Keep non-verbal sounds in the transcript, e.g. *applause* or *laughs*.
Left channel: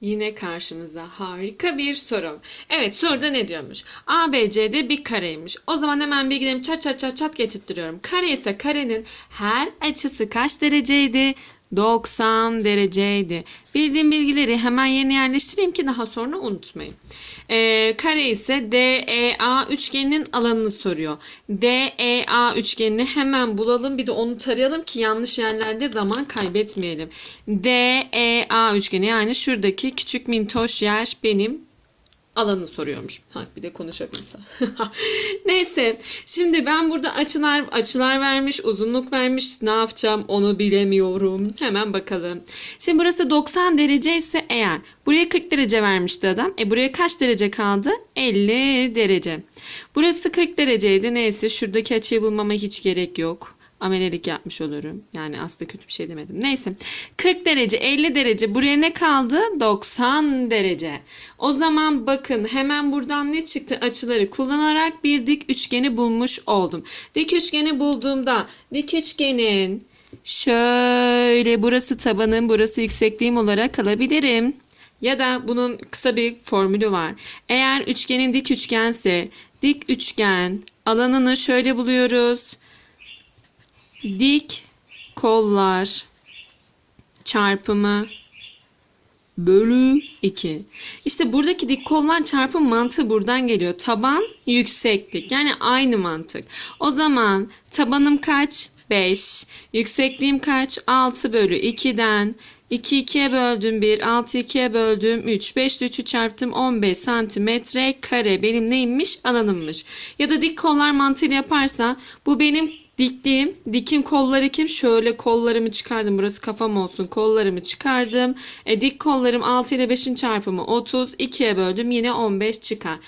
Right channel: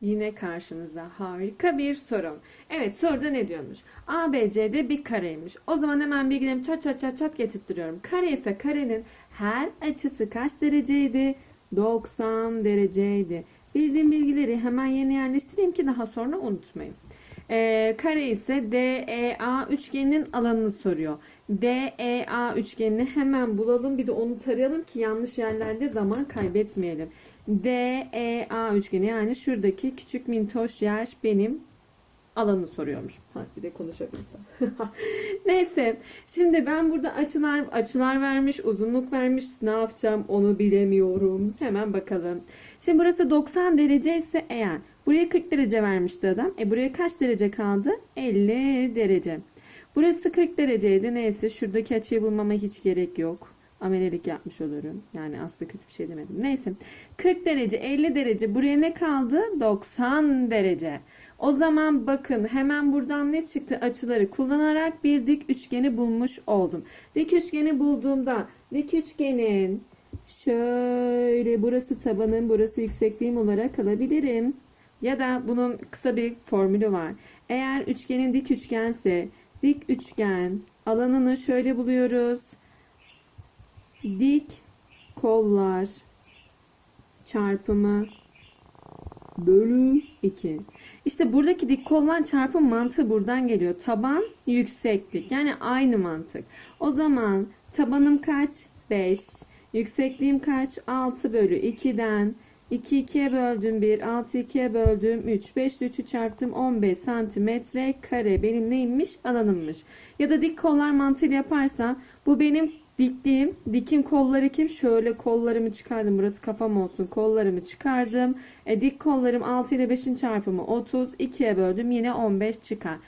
Yine karşımıza harika bir soru. Evet soruda ne diyormuş? ABC'de bir kareymiş. O zaman hemen bilgilerimi çat çat çat çat getirtiyorum. Kare ise karenin her açısı kaç dereceydi? 90 dereceydi. Bildiğim bilgileri hemen yerine yerleştireyim ki daha sonra unutmayın. Ee, kare ise DEA üçgeninin alanını soruyor. DEA üçgenini hemen bulalım bir de onu tarayalım ki yanlış yerlerde zaman kaybetmeyelim. DEA üçgeni yani şuradaki küçük mintoş yer benim alanı soruyormuş. Ha, bir de konuşabilse. *laughs* Neyse. Şimdi ben burada açılar açılar vermiş, uzunluk vermiş. Ne yapacağım onu bilemiyorum. Hemen bakalım. Şimdi burası 90 derece ise eğer buraya 40 derece vermişti adam. E buraya kaç derece kaldı? 50 derece. Burası 40 dereceydi. Neyse şuradaki açıyı bulmama hiç gerek yok amelelik yapmış olurum. Yani aslında kötü bir şey demedim. Neyse. 40 derece, 50 derece. Buraya ne kaldı? 90 derece. O zaman bakın hemen buradan ne çıktı? Açıları kullanarak bir dik üçgeni bulmuş oldum. Dik üçgeni bulduğumda dik üçgenin şöyle burası tabanım, burası yüksekliğim olarak alabilirim. Ya da bunun kısa bir formülü var. Eğer üçgenin dik üçgense dik üçgen alanını şöyle buluyoruz dik kollar çarpımı bölü 2. İşte buradaki dik kollar çarpım mantığı buradan geliyor. Taban yükseklik yani aynı mantık. O zaman tabanım kaç? 5. Yüksekliğim kaç? 6 bölü 2'den 2 2'ye böldüm 1, 6 2'ye böldüm 3, 5 3'ü çarptım 15 santimetre kare benim neymiş? Alanımmış. Ya da dik kollar mantığıyla yaparsa bu benim dikliğim. Dikin kolları kim? Şöyle kollarımı çıkardım. Burası kafam olsun. Kollarımı çıkardım. E, dik kollarım 6 ile 5'in çarpımı 30. 2'ye böldüm. Yine 15 çıkar.